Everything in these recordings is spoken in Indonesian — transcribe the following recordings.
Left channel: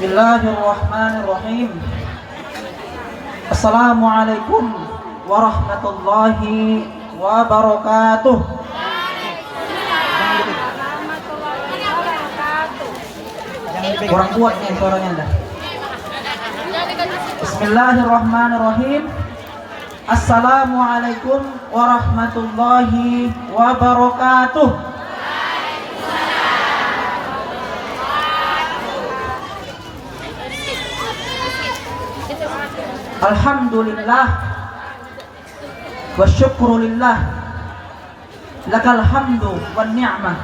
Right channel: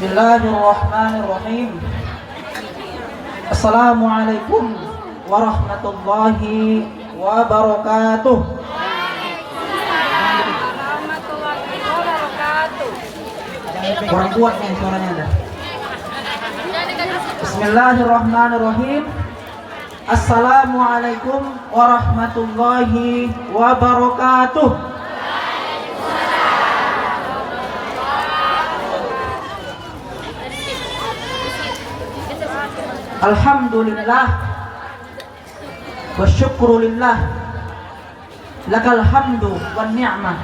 Bismillahirrahmanirrahim. Assalamualaikum warahmatullahi wabarakatuh. Kurang kuat nih suaranya dah. Bismillahirrahmanirrahim. Assalamualaikum warahmatullahi wabarakatuh. Alhamdulillah wa syukrulillah lakal hamdu wan ni'mah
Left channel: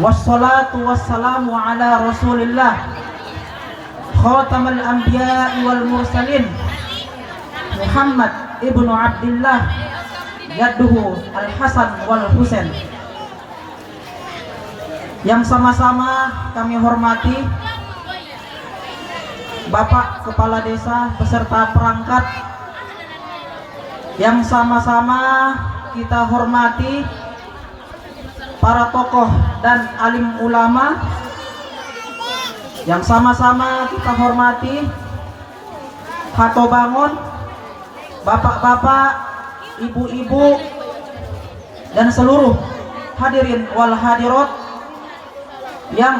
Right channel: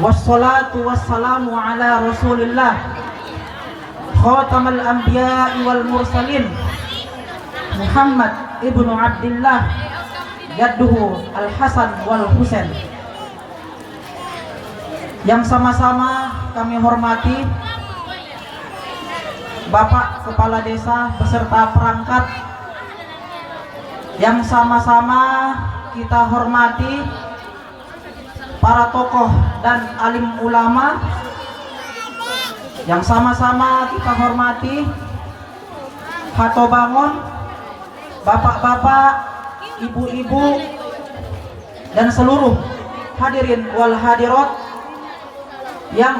wassalatu wassalamu ala rasulillah khatamal anbiya'i wal mursalin Muhammad ibnu Abdillah yaduhu al-Hasan wal Husain, yang sama-sama kami hormati Bapak Kepala Desa beserta perangkat, yang sama-sama kita hormati para tokoh dan alim ulama, yang sama-sama kita hormati Khatobangun, bapak-bapak, ibu-ibu, dan seluruh hadirin wal hadirat yang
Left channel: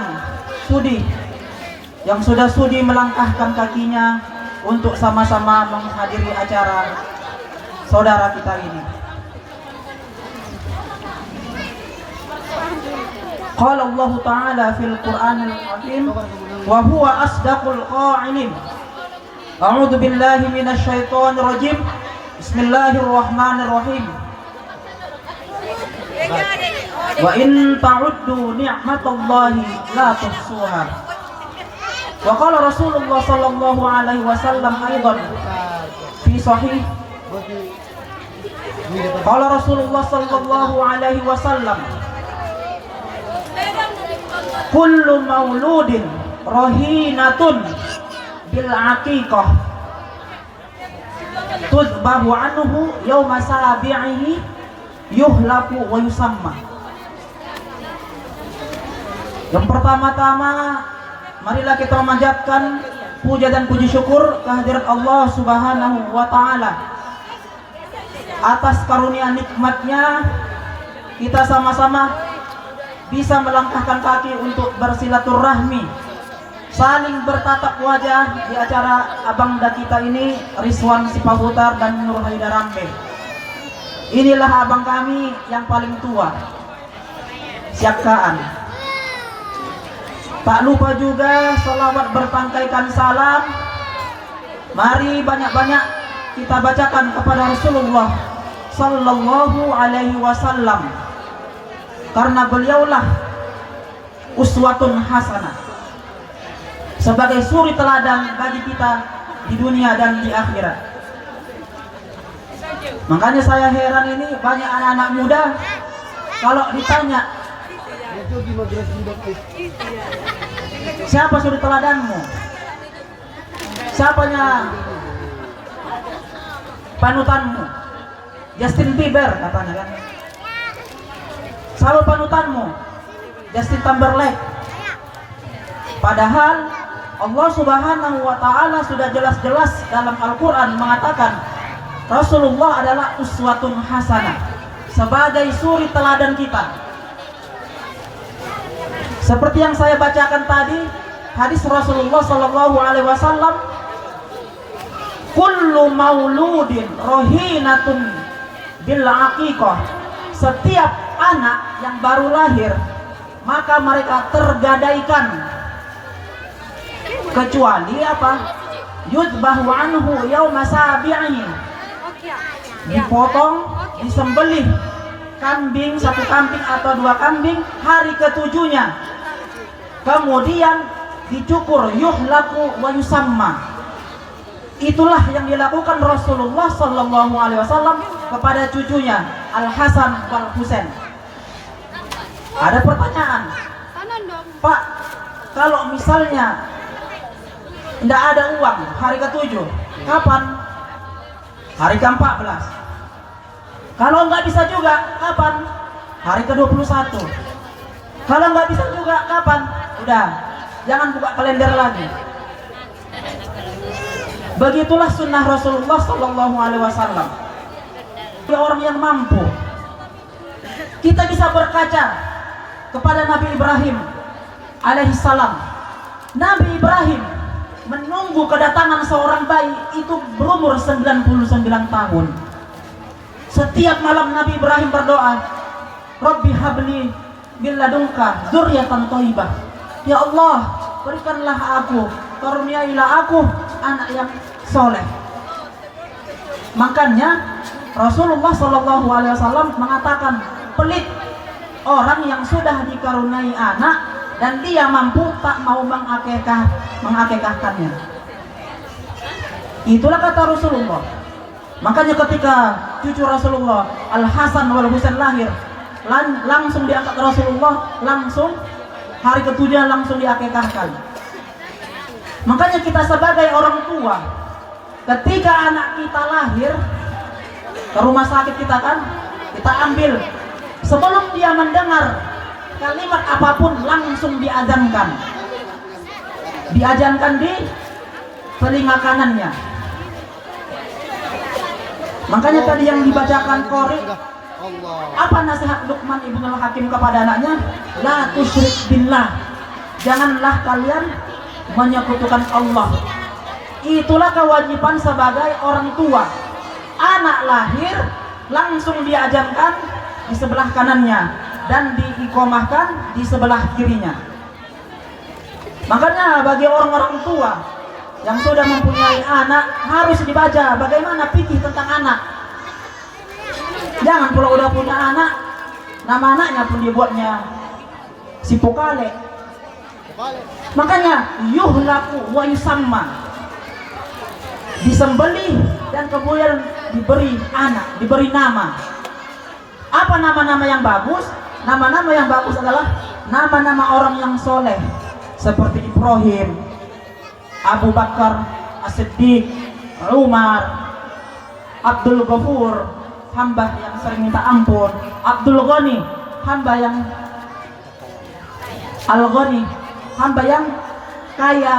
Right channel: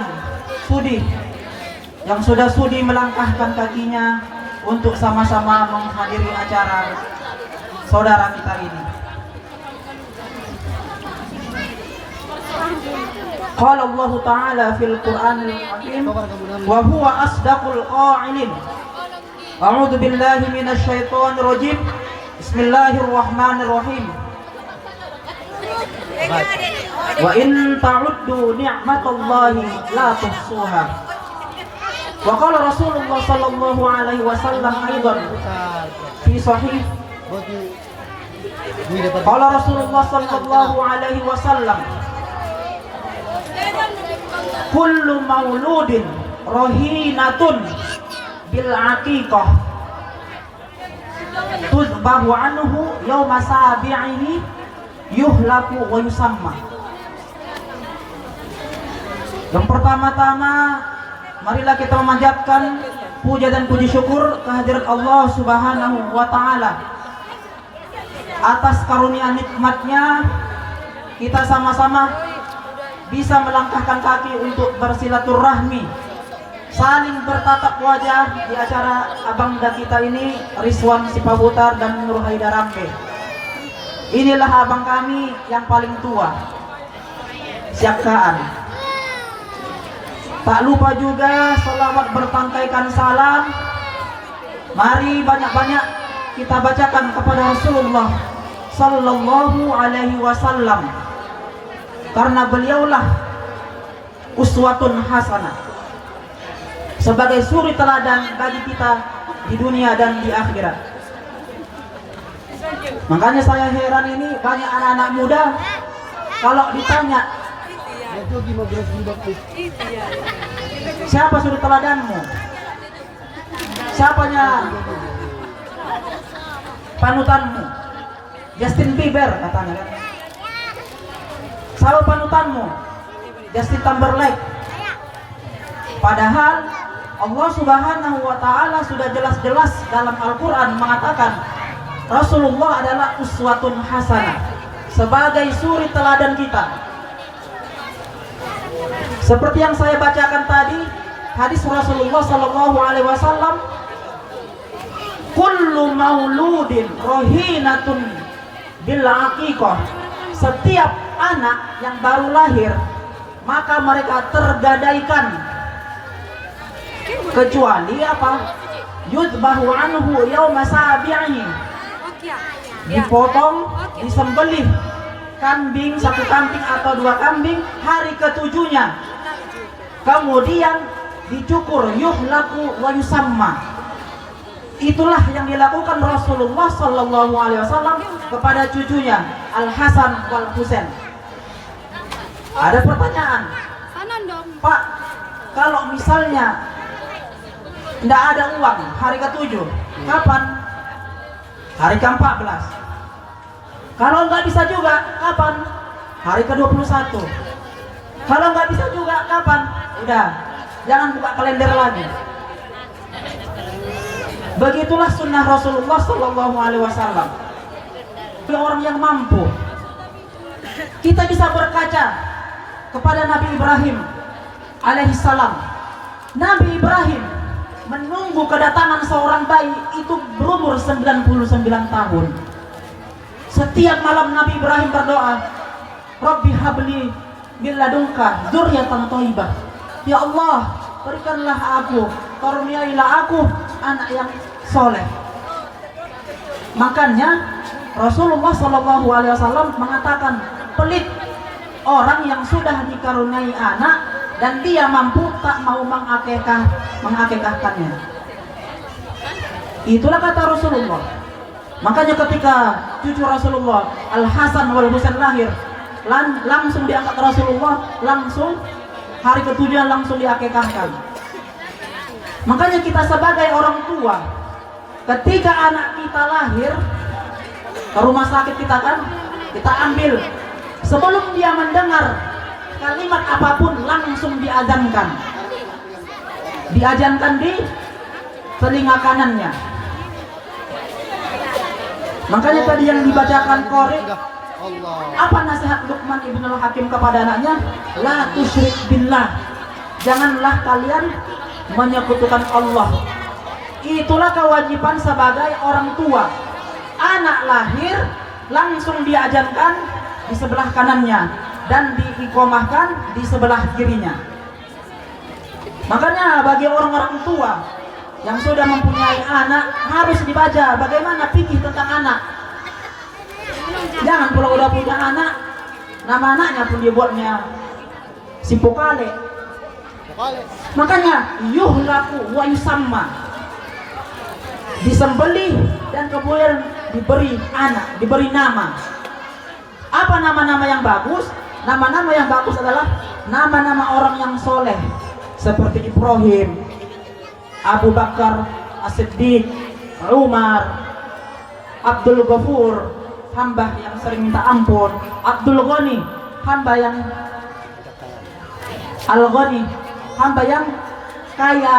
sudah sudi melangkahkan kakinya untuk sama-sama menghadiri acara saudara kita ini. Qala Allah Ta'ala fil Qur'anil Hakim wa huwa asdaqul qa'ilin. A'udzu billahi minasy syaithanir rajim. Bismillahirrahmanirrahim. Wa in ta'uddu ni'matallahi la tuhsuha. Wa qala Rasulullah sallallahu alaihi wasallam aidan fi sahih. Qala Rasulullah sallallahu alaihi wasallam, kullu mauludin rahinatun bil aqiqah tudbahu anhu yawma sabi'ihi yuhlaku wa yusamma. Yang pertama-tama, marilah kita memanjatkan puja dan puji syukur kehadirat Allah Subhanahu wa Ta'ala atas karunia nikmatnya kita sama-sama bisa melangkahkan kaki untuk bersilaturahmi, saling bertatap wajah di acara abangda kita ini, Rizwan Sipabutar dan Nur Haidarambe. Inilah abang kami yang paling tua, Siakaan. Tak lupa juga selawat berpangkaikan salam. Mari banyak-banyak kita bacakan kepada Rasulullah sallallahu alaihi wasallam, karena beliaulah uswatun hasanah, sebagai suri teladan bagi kita di dunia dan di akhirat. Makanya saya heran ini banyak anak-anak muda kalau ditanya, siapa suri teladanmu? Siapanya panutanmu? Justin Bieber katanya kan. Siapa panutanmu? Justin Timberlake. Padahal Allah Subhanahu wa Ta'ala sudah jelas-jelas dalam Al-Quran mengatakan Rasulullah adalah uswatun hasanah, sebagai suri teladan kita. Seperti yang saya bacakan tadi, hadis Rasulullah sallallahu alaihi wasallam, kullu mauludin rohinatun bil aqiqah. Setiap anak yang baru lahir maka mereka tergadaikan, kecuali apa? Yudbahu anhu yauma sabi'i. Dipotong, disembelih kambing, satu kambing atau dua kambing hari ketujuhnya. Kemudian dicukur, yuhlaku wa yusamma. Itulah yang dilakukan Rasulullah sallallahu alaihi wasallam kepada cucunya Al-Hasan wal Husain. Ada pertanyaan, Pak, kalau misalnya tidak ada uang hari ke-7, kapan? Hari ke-14. Kalau nggak bisa juga, kapan? Hari ke-21. Kalau nggak bisa juga, kapan? Udah, jangan buka kalender lagi. Begitulah sunnah Rasulullah Sallallahu Alaihi Wasallam. Orang yang mampu, kita bisa berkaca kepada Nabi Ibrahim alaihissalam. Nabi Ibrahim menunggu kedatangan seorang bayi itu berumur 99 tahun. Setiap malam Nabi Ibrahim berdoa, Rabbi habli min ladunka dzurriatan thayyibah. Ya Allah, berikanlah aku, karuniailah aku anak yang soleh. Makanya Rasulullah Shallallahu Alaihi Wasallam mengatakan, pelit orang yang sudah dikaruniai anak dan dia mampu tak mau mengakekahkannya. Itulah kata Rasulullah. Makanya ketika cucu Rasulullah Al Hasan wal Husain lahir, langsung diangkat Rasulullah, langsung hari ketujuh langsung diakekahkan. Makanya kita sebagai orang tua, ketika anak kita lahir ke rumah sakit kita ambil, sebelum dia mendengar kalimat apapun langsung diazankan di telinga kanannya. Makanya tadi yang dibacakan Qori, apa nasihat Luqman ibnul Hakim kepada anaknya? La tusyrik billah, janganlah kalian menyekutukan Allah. Itulah kewajiban sebagai orang tua. Anak lahir langsung diajankan di sebelah kanannya dan diiqomahkan di sebelah kirinya. Makanya bagi orang-orang tua yang sudah mempunyai anak harus dibaca bagaimana fikih tentang anak. Jangan pula udah punya anak, nama anaknya pun dibuatnya si Pokale. Makanya yuhlaku wa yusamma, disembelih dan kemudian diberi anak, diberi nama. Apa nama-nama yang bagus? Nama-nama yang bagus adalah nama-nama orang yang soleh, seperti Ibrahim, Abu Bakar As-Siddiq, Umar, Abdul Ghafur, hamba yang sering minta ampun, Abdul Ghani, hamba yang Al-Ghani, hamba yang kaya.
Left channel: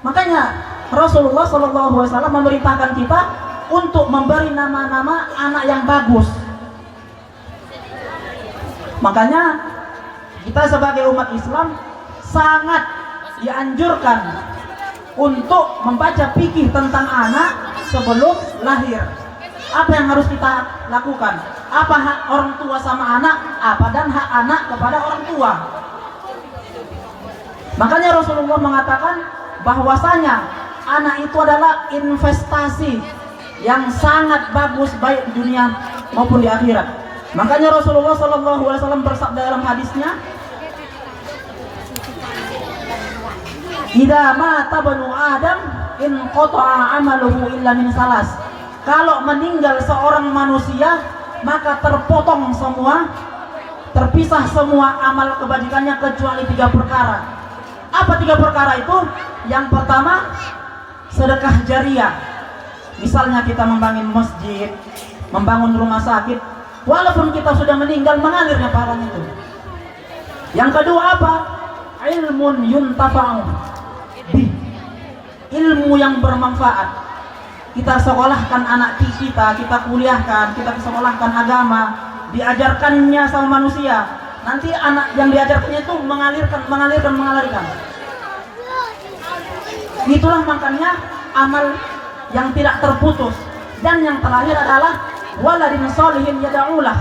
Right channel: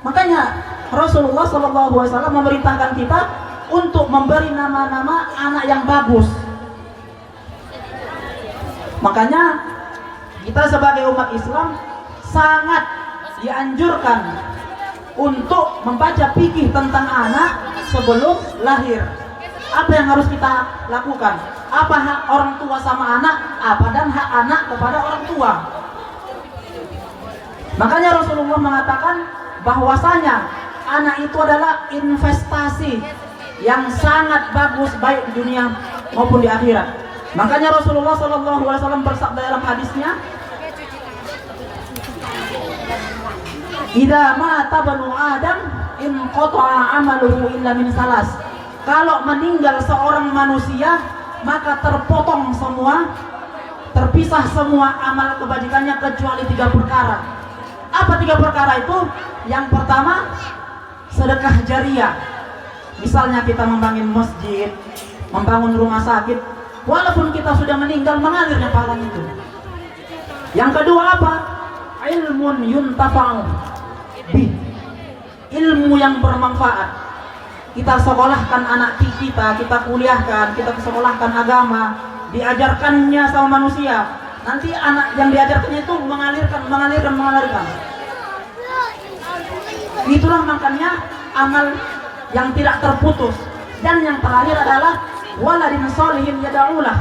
Makanya Rasulullah SAW memerintahkan kita untuk memberi nama-nama anak yang bagus. Makanya kita sebagai umat Islam sangat dianjurkan untuk membaca fikih tentang anak sebelum lahir. Apa yang harus kita lakukan? Apa hak orang tua sama anak? Apa dan hak anak kepada orang tua? Makanya Rasulullah mengatakan bahwasanya anak itu adalah investasi yang sangat bagus baik di dunia maupun di akhirat. Makanya Rasulullah SAW bersabda dalam hadisnya, "Idza mata banu Adam in qata'a amaluhu illa min salas." Kalau meninggal seorang manusia, maka terpotong semua, terpisah semua amal kebajikannya kecuali 3 perkara. Apa 3 perkara itu? Yang pertama, sedekah jariah. Misalnya kita membangun masjid, membangun rumah sakit, walaupun kita sudah meninggal mengalirnya pahala itu. Yang kedua apa? Ilmun yuntafa'u bih, ilmu yang bermanfaat. Kita sekolahkan anak kita kuliahkan, kita sekolahkan agama, diajarkannya sama manusia. Nanti anak yang diajarkannya itu mengalirkan. Itulah makanya amal yang tidak terputus. Dan yang terakhir adalah waladin sholihin yada'ulah,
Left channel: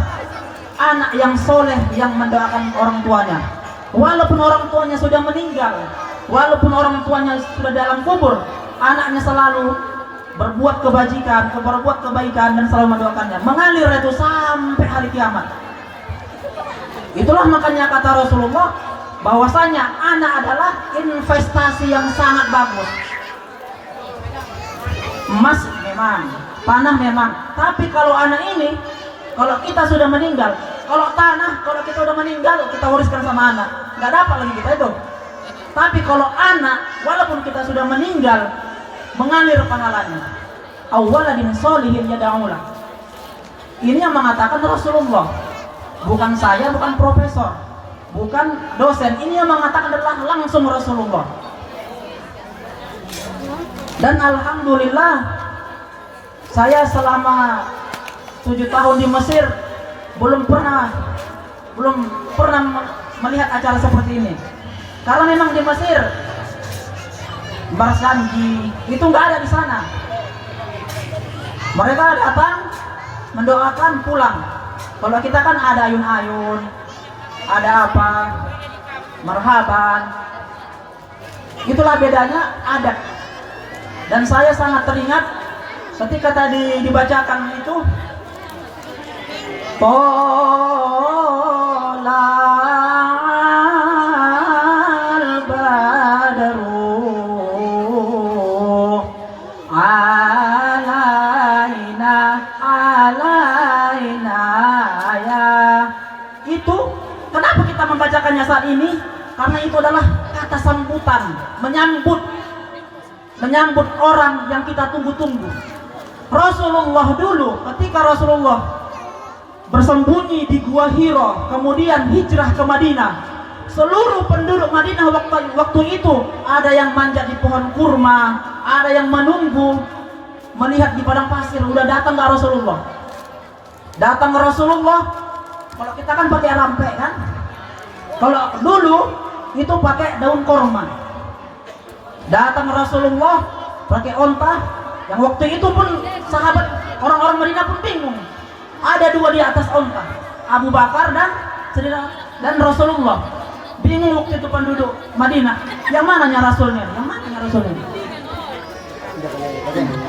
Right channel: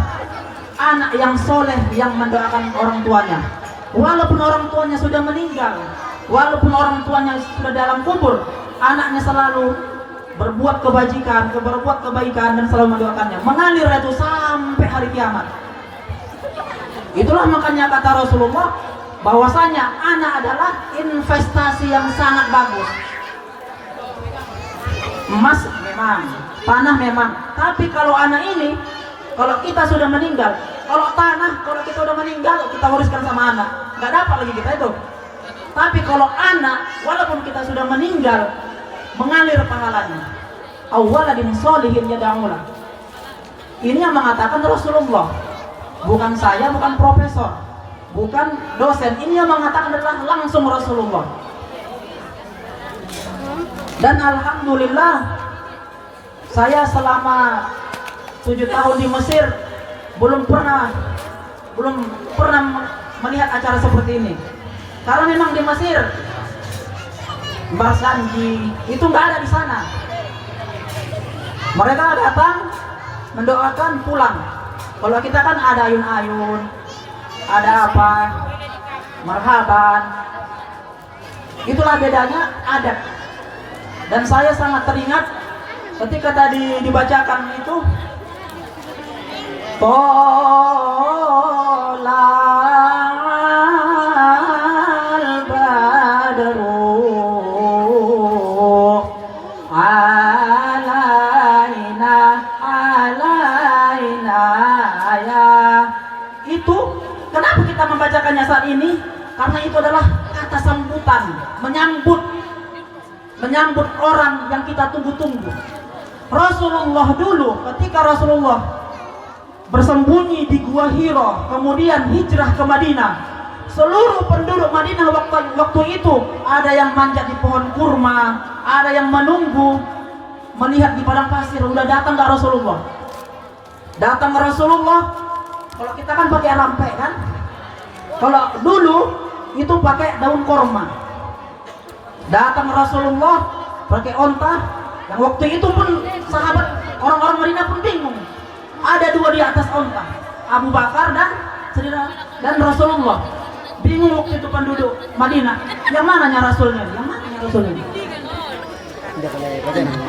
anak yang soleh yang mendoakan orang tuanya. Walaupun orang tuanya sudah meninggal, walaupun orang tuanya sudah dalam kubur, anaknya selalu berbuat kebajikan, berbuat kebaikan dan selalu mendoakannya. Mengalir itu sampai hari kiamat. Itulah makanya kata Rasulullah bahwasanya anak adalah investasi yang sangat bagus. Emas memang, tanah memang, tapi kalau anak ini, kalau kita sudah meninggal, kalau tanah, kalau kita sudah meninggal, kita wariskan sama anak, nggak dapat lagi kita itu. Tapi kalau anak, walaupun kita sudah meninggal, mengalir pahalanya. Awaladin sholihin yada'ulah. Ini yang mengatakan Rasulullah, bukan saya, bukan profesor. bukan dosen. Ini yang mengatakan adalah langsung Rasulullah. Dan alhamdulillah saya selama 7 tahun di Mesir belum pernah melihat acara seperti ini. Karena memang di Mesir Barsanji itu nggak ada di sana. Mereka datang mendoakan pulang. Kalau kita kan ada ayun-ayun, ada apa, marhaban. Itulah bedanya adat. Dan saya sangat teringat ketika tadi dibacakan itu Tola'al badru alaina ya. Itu kenapa kita membacakannya saat ini? Karena itu adalah kata sambutan, menyambut orang yang kita tunggu-tunggu. Rasulullah dulu ketika Rasulullah bersembunyi di Gua Hira, kemudian hijrah ke Madinah, seluruh penduduk Madinah waktu itu ada yang manjat di pohon kurma, ada yang menunggu melihat di padang pasir. Udah datang ke Rasulullah. Datang ke Rasulullah. Kalau kita kan pakai rampe kan? Kalau dulu itu pakai daun korma. Datang Rasulullah pakai onta. Yang waktu itu pun sahabat orang-orang Madinah pun bingung. Ada 2 di atas onta, Abu Bakar dan Rasulullah. Bingung waktu itu penduduk Madinah. Yang mananya Rasulnya? Yang mananya Rasulnya?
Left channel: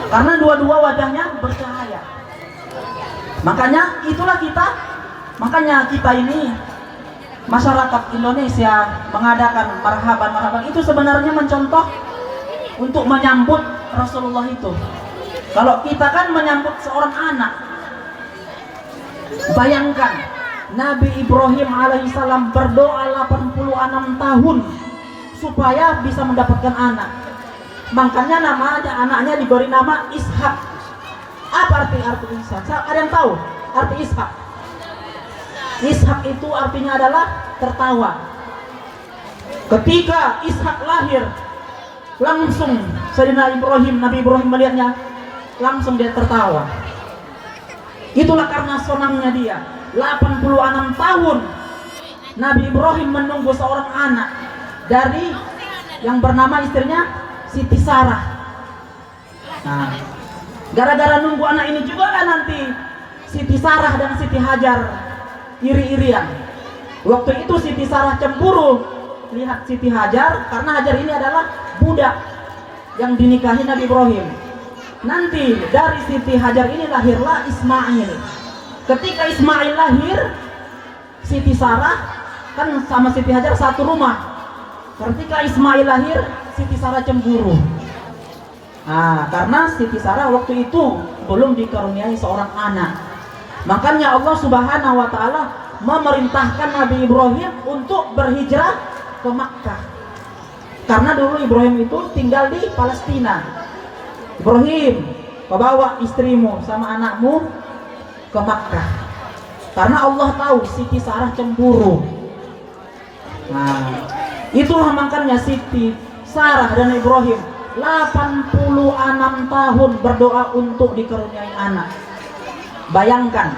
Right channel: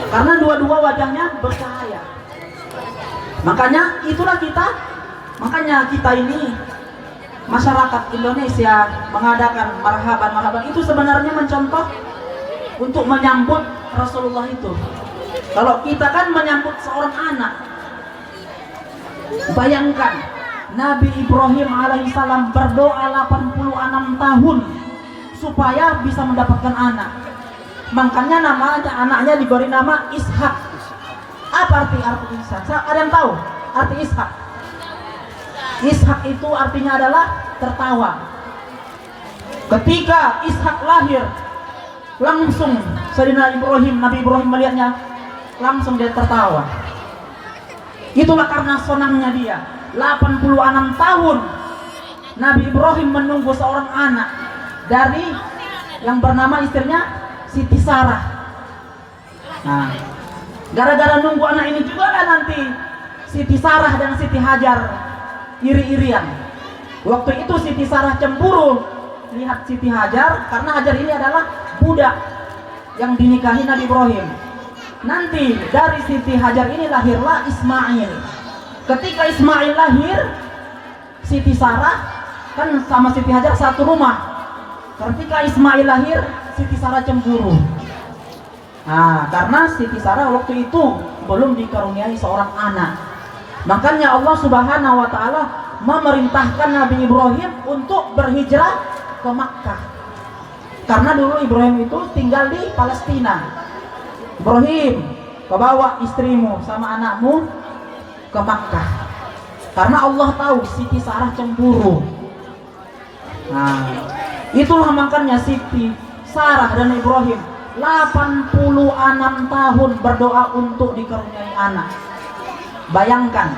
Karena dua-dua wajahnya bercahaya. Makanya kita ini masyarakat Indonesia mengadakan marhaban itu sebenarnya mencontoh untuk menyambut Rasulullah itu. Kalau kita kan menyambut seorang anak, bayangkan Nabi Ibrahim alaihissalam berdoa 86 tahun supaya bisa mendapatkan anak. Makanya anaknya diberi nama Ishak. Apa arti Ishak? Ada yang tahu arti Ishak? Ishak itu artinya adalah tertawa. Ketika Ishak lahir, langsung Nabi Ibrahim melihatnya, langsung dia tertawa. Itulah karena senangnya dia. 86 tahun Nabi Ibrahim menunggu seorang anak dari yang bernama istrinya Siti Sarah. Nah, gara-gara nunggu anak ini juga kan nanti Siti Sarah dan Siti Hajar iri-irian. Waktu itu Siti Sarah cemburu lihat Siti Hajar karena Hajar ini adalah budak yang dinikahi Nabi Ibrahim. Nanti dari Siti Hajar ini lahirlah Ismail. Ketika Ismail lahir, Siti Sarah kan sama Siti Hajar satu rumah. Ketika Ismail lahir, Siti Sarah cemburu. Nah, karena Siti Sarah waktu itu belum dikaruniai seorang anak. Makanya Allah Subhanahu wa taala memerintahkan Nabi Ibrahim untuk berhijrah ke Makkah. Karena dulu Ibrahim itu tinggal di Palestina. Ibrahim, kau bawa istrimu sama anakmu ke Makkah. Karena Allah tahu Siti Sarah cemburu. Nah, itulah makanya Siti Sarah dan Ibrahim 86 tahun berdoa untuk dikaruniai anak. Bayangkan,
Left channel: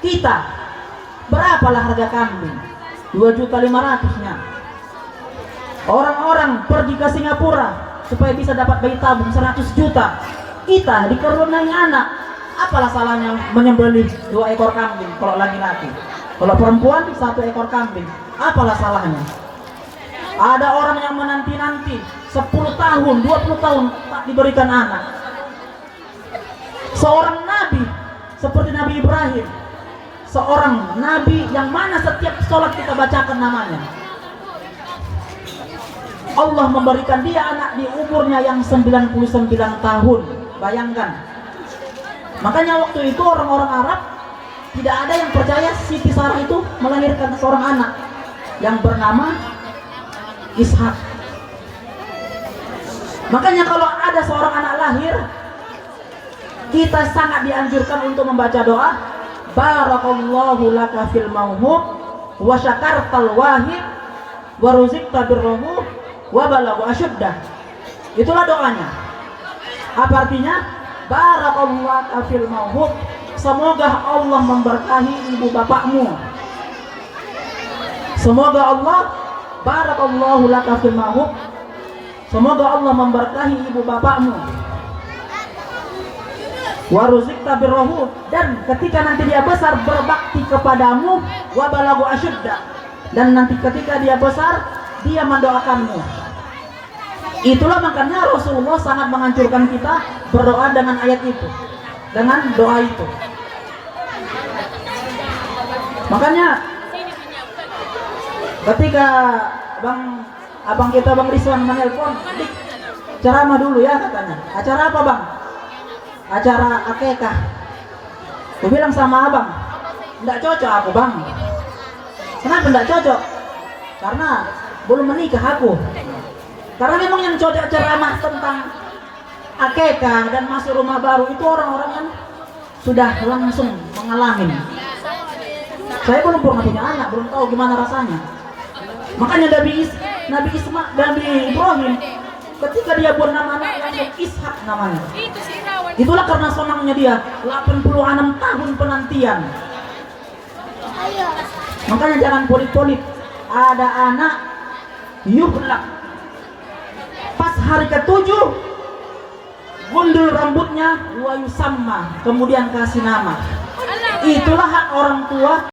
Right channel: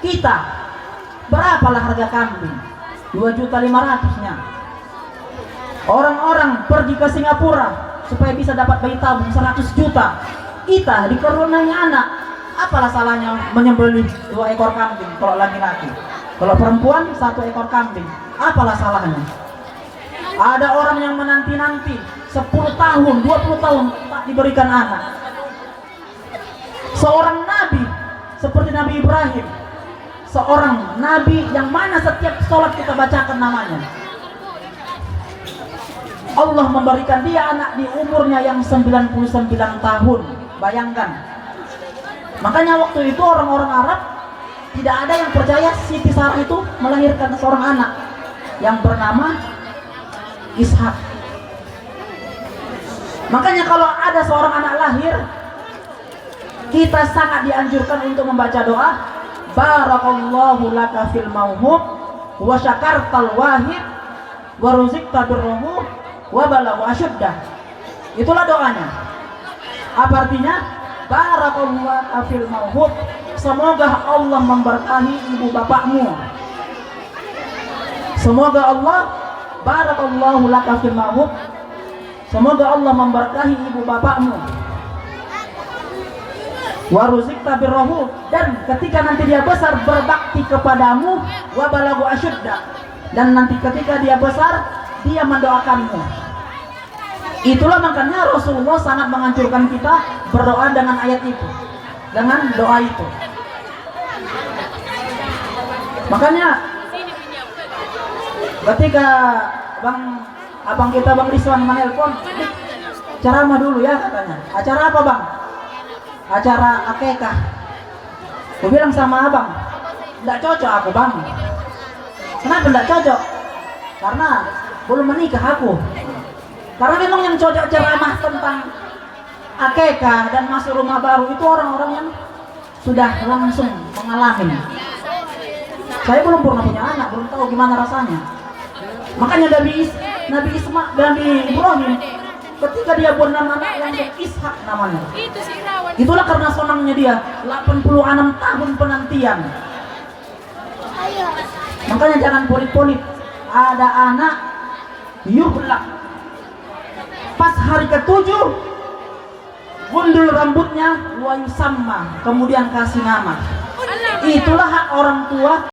kita berapalah harga kambing? 2.500.000-nya. Orang-orang pergi ke Singapura supaya bisa dapat bayi tabung 100 juta. Kita dikaruniai anak. Apalah salahnya menyembelih 2 ekor kambing kalau laki-laki? Kalau perempuan 1 ekor kambing. Apalah salahnya? Ada orang yang menanti-nanti 10 tahun, 20 tahun tak diberikan anak. Seorang nabi seperti Nabi Ibrahim, seorang nabi yang mana setiap sholat kita bacakan namanya, Allah memberikan dia anak di umurnya yang 99 tahun. Bayangkan. Makanya waktu itu orang-orang Arab tidak ada yang percaya Siti Sarah itu melahirkan seorang anak yang bernama Ishak. Makanya kalau ada seorang anak lahir, kita sangat dianjurkan untuk membaca doa Barakallahu laka fil mauhub wa syakartal wahid wa ruzikta birruhu wa balagha asyuddah. Itulah doanya. Apa artinya? Barakallahu fil mauhub. Semoga Allah memberkahi ibu bapakmu. Semoga Allah barakallahu laka fil mauhub. Semoga Allah memberkahi ibu bapakmu. Wa ruzikta birruhu, dan ketika nanti dia besar berbakti kepadamu, wa balagha asyuddah, dan nanti ketika dia besar dia mendoakanmu. Itulah makanya Rasulullah sangat menganjurkan kita berdoa dengan ayat itu, dengan doa itu. Makanya ketika abang kita Bang Rizwan menelpon, ceramah dulu ya katanya. Acara apa bang? Acara akekah. Aku bilang sama abang, tidak cocok aku bang. Kenapa tidak cocok? Karena belum menikah aku. Karena memang yang cocok ceramah tentang akekah dan masuk rumah baru itu orang-orang yang sudah langsung mengalami. Saya belum pernah punya anak, belum tahu gimana rasanya. Makanya Nabi Ibrahim ketika dia buat nama anak yang Ishak namanya. Itulah karena senangnya dia 86 tahun penantian. Makanya jangan polip-polip. Ada anak yuhlak, pas hari ke-7 gundul rambutnya, wa yusamma, kemudian kasih nama. Itulah hak orang tua